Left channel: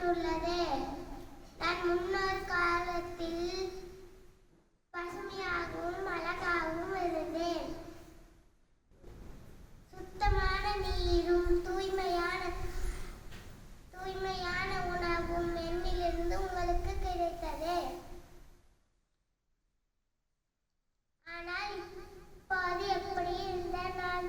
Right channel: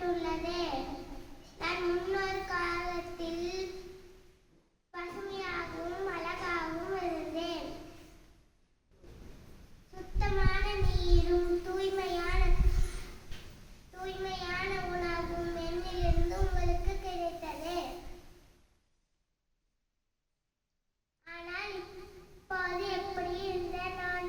செய்யப்பட்டுள்ளது நான் முன்னொரு காலத்தில் பசுமையாகவும் அழகாகவும் இருந்தேன். சுத்தமான நீரும் தூய்மையான தூய்மையான உணவும் என்னிலிருந்து உங்களுக்கு கிடைத்தது. ஆனால் இப்போது எப்படி இருந்த நான்?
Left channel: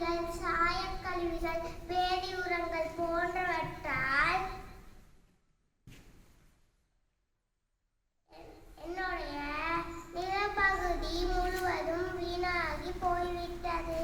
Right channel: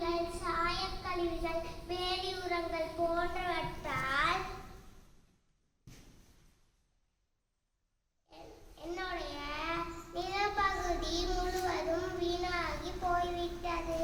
கழிவுகள் சாயக்கழிவுகள் வேதி உரங்கள் போன்றவற்றால் என்னுடைய நிலப்பகுதி முழுவதும் வீணாகி போய்விட்டது.